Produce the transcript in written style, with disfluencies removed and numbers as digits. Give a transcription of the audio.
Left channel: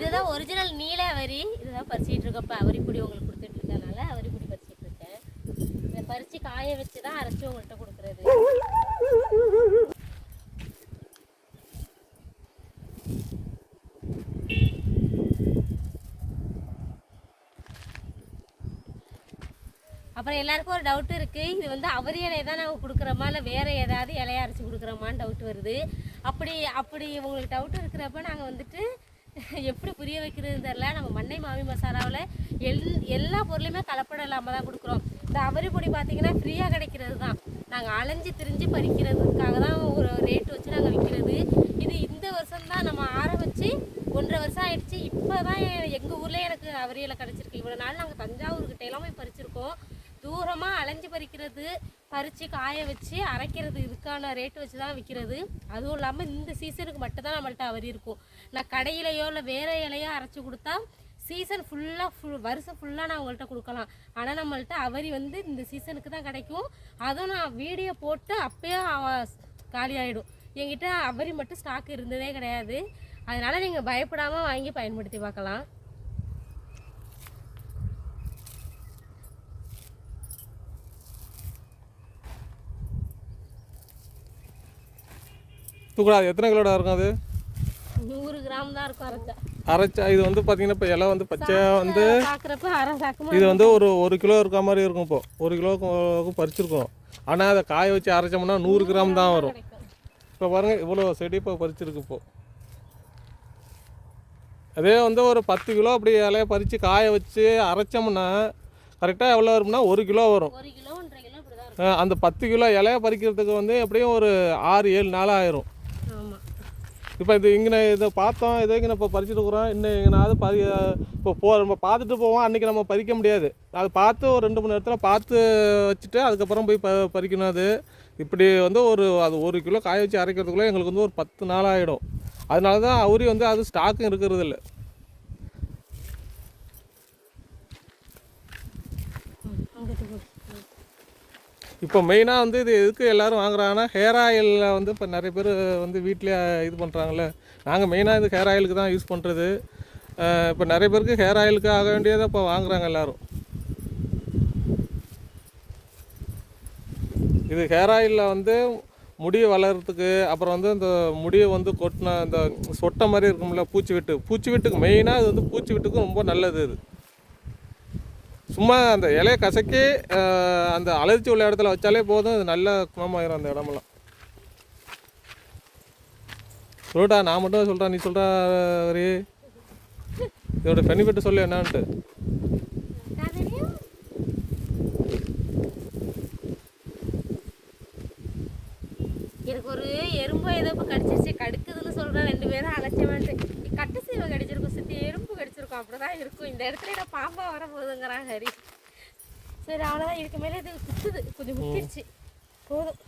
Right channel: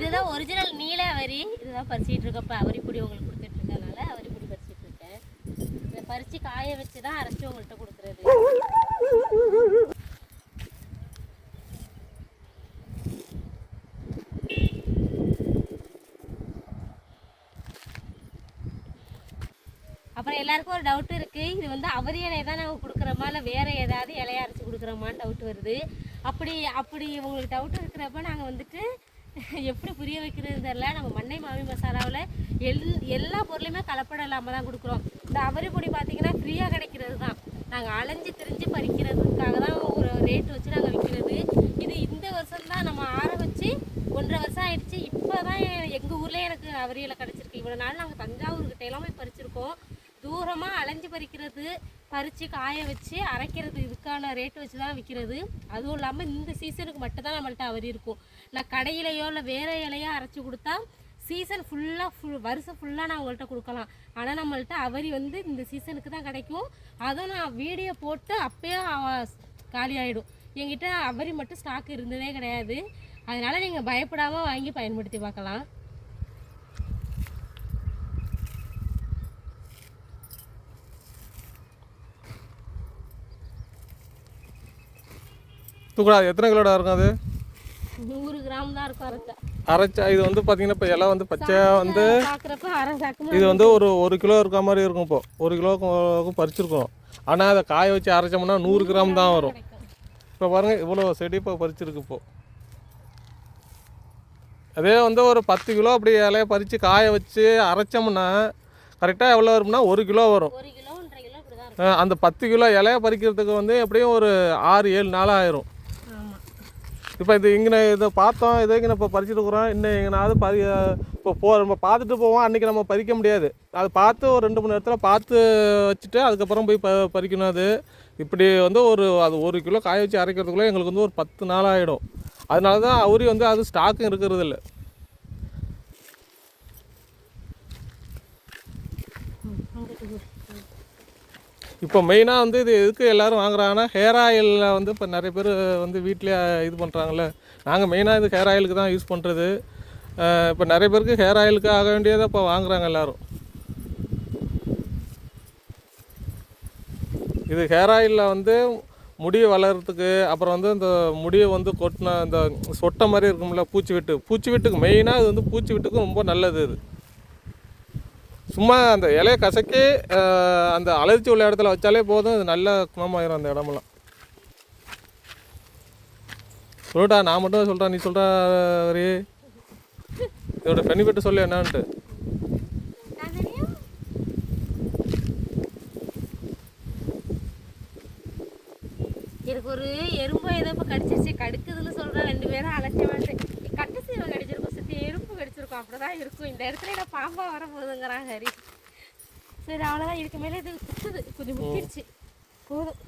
இதுதான் ஒரிஜினல் நீல அவரி. இதுதான் பறிச்சிட்டு இருக்கப்ப அவரி பொடி உங்களுக்கு கொடுத்துட்டு இருக்கனால அவரி பொடி பறிச்சிட்டு இருக்கேன். இதை பறிச்சு காய வச்சு தான் அரைச்சி உங்கள்கிட்ட கொடுக்குறது. அப்புறம் எல்லாருக்கும் ஒரு டவுட் இருக்குது, இது வந்து அவரி இலையை தான் நாங்கள் கொடுக்குறோமா இல்லை வேறு ஏதாவது இலையை அரைச்சி கொடுக்குறோமான்னு டவுட் வருது. அப்படி உங்களுக்கு டவுட் இருக்கிறப்ப நாங்கள் வந்துட்டு எப்படி புரிய வைக்கிறதுன்னு தெரில. நம்ம மண்ணை மாமி மசாலாவில் எல்லா பொருளையுமே கலப்படம் இல்லாமல் தான் கொடுக்குறோம். இந்த அவரி பொடி பார்த்திங்கன்னா ஃப்ரீயாக கிடைக்கிறது தான். நாங்கள் அலைஞ்சு திரிஞ்சு பறிக்கிறதுக்காக தான் ஒரு ரேட்டு வச்சு நாங்கள் விற்கிறது. இது இந்த வருஷம் தான் நம்ம வச்சு 1.5 வருஷம் ஆயிடுச்சு. இப்போ தான் எங்கள் ஊரில் எனக்கு அவரி இலை கிடச்சிருக்கு. இவ்வளோ நாள் நாங்கள் தஞ்சாவூர்கிட்ட எல்லாம் போய் பறிச்சிருக்கோம். தூரமாக அலைஞ்சு பறிக்கிறது, பறித்து காய வச்சு அரைக்கிறது, இதுக்கான ரேட்டு வச்சு தான் விற்கிறது. அதுவும் இல்லாமல் இந்த சீசனுக்கு மட்டும்தான் நம்மள்ட்ட அவரி இருக்கும். நான் கடையிலையோ இல்லை வேறு இலையோ அரைச்சி கொடுத்தா சீசன் வருஷம் ஃபுல்லாக நான் உங்கள்கிட்ட கொடுக்கலாம். ஆனால் நம்மள்ட்ட அவரி வந்து இந்த சீசனுக்கு தான் கிடைக்கும். அதுவும் நான் வீடியோ போட்டு அப்போயே காலி ஆகிடும். என்கிட்ட அவரி மட்டும் ஸ்டாக் இருந்ததே கிடையாது. அதனால் நீங்கள் பயப்படாமல் வாங்கி பயன்படுத்தி பார்க்கலாம். தூக்கூடாது. எத்தனை கிலோட இருக்கும் அது? 100 கிராம் தான் இருக்கும் அரைச்சா. இது வந்து பார்த்தீங்கன்னா இப்போ எல்லாம் வந்து பச்சையாக வந்து இது வந்து ஒரு கிலோ இருக்க மாதிரி இருக்கும். இப்போ 1 கிலோவுக்கு பறிச்சிருக்கோம். ஆனால் அதை காய வச்சு அரைச்சோம்னா 100 கிராம் தான் வரும். இப்போ பாருங்கள் இவ்வளோ செடி இப்போ பறிச்சிருக்கு. இப்போது அதே வந்து ஒரு 10 கிலோ அப்படி இலையை பறித்து காய வச்சு அரைச்சோம்னா கரெக்டாக எவ்வளோ வரும்னா 1 கிலோ வரும். அந்த 10 கிலோ இலையை பறிக்கிறதுக்கு வந்து எப்படியும் ஒரு 6-7 நாள் ஆயிரும். இப்போ இது இங்கே இதை பார்த்தோம், இதை இங்கே இப்போ பறிச்சுட்டு இருக்கிறோம். இன்னும் எங்கேனாவது இப்போ நம்ம பார்த்துட்டு போவோம். அன்றைக்கி நம்ம பறிக்க முடியாது. அது பார்த்து ஒரு 2 மணி நேரத்தில் பார்த்து வச்சுட்டு அதுக்கப்புறம் போய் பறிக்கணும். அது இப்படி வந்து அது 1 கிலோ காய வச்சு அரைக்கிறதுக்குள்ளே எங்களுக்கு வந்து ஒரு 10 நாள் ஆகிடும். அதனால தான் அவரி வந்து அது ஸ்டாக்கும் இருக்கிறது இல்லை. இப்போ மெயினாக வந்து இது எதுக்கு எல்லோரும் வாங்குறாங்கன்னா ஹேர் ஆயிலில் வந்து இப்போ நிறைய பேர் வந்து வீட்டிலே இது பண்ணுறாங்கல்ல. நாங்கள் மெயினாக இது ஹேர் ஆயிலுக்கு தான் யூஸ் பண்ணுறது. இப்போ நிறைய பேருக்கு ஹேர் ஆயிலுக்கு ஆக வேண்டியதை இப்போ வாங்குறாங்க எல்லோரும். இது ஹேர் ஆயிலில் வந்து முடி வளர்கிறதுக்கு, அப்புறம் வந்து இந்த முடியை வந்து கொட்டின இந்த சொட்டை மாதிரி இருக்கும்ல பூச்சி வெட்டுக்கு மெயினாக இது வந்து பூச்சி வெட்டுக்கு ரொம்ப நல்லது. இது சும்மா அந்த இலையை கசக்கி அந்த அலர்ச்சி உள்ள இடத்துல வச்சாலே போதும். இது நல்ல குணமாயிரும் அந்த இடமெல்லாம். சொல்லிட்டா, நான் மட்டும் சொல்கிறேன், நீ சொல்கிற வரி இதோட பெனிஃபிட் சொல்லு என்னான்ட்டு. எனக்கு ஒரு எறும்பு ஏதோ இப்போ கடிச்சிருச்சு, கடுக்குதுன்னு சொல்கிறேன். 2 பேரும் அழைச்ச மாட்டேன். கட்டு சீவை கடிச்சிருக்கும், சித்தி எறும்பு கடிச்சிருக்கும், அப்படிதான் இருக்கும். இந்த இடத்துல நான் பாம்பா வர போகுதுங்கிறான் ஹரி. சரி அவ்வளோதான். இதுக்கு மேலே இது குத்துது, கொஞ்சம் முக்கிடுச்சு போதும்.